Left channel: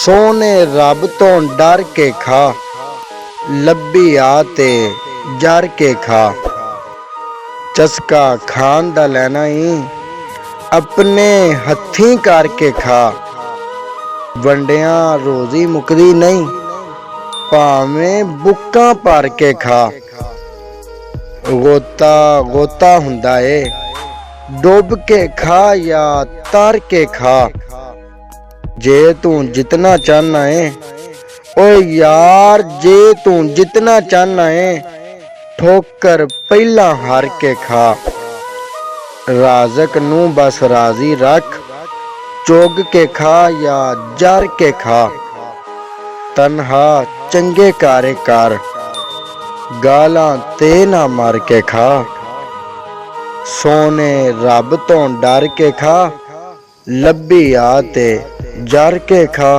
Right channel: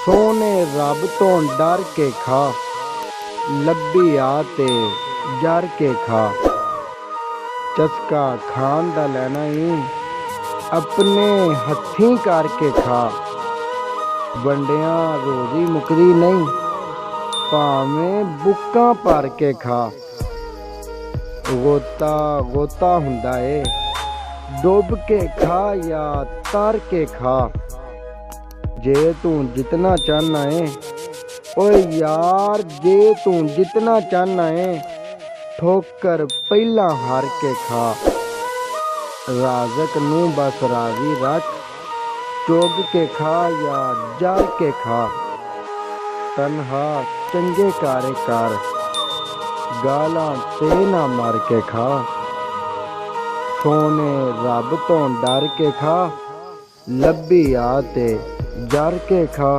सोने रब तो डर के खा, लब्भी आ ते जर के खा। चस्का खान दा लैना ही अपने हत्थीं करके खा। वंडिया रोजी मुकदी नहीं, भावें बुक्कां भर के खा। गोता गोता हुंदा ए, डुब के खा या तर के खा। जे तू जितना चाहना है ओ यार, जे तू जितना चाहना है ठोकर पहला हार के खा। राजक नू बस राजी रख, चुग के खा या जर के खा। तनहा चंगे कारे कर, गालां ते ना मार के खा। सोने रब तो डर के खा, लब्भी आ ते जर के खा।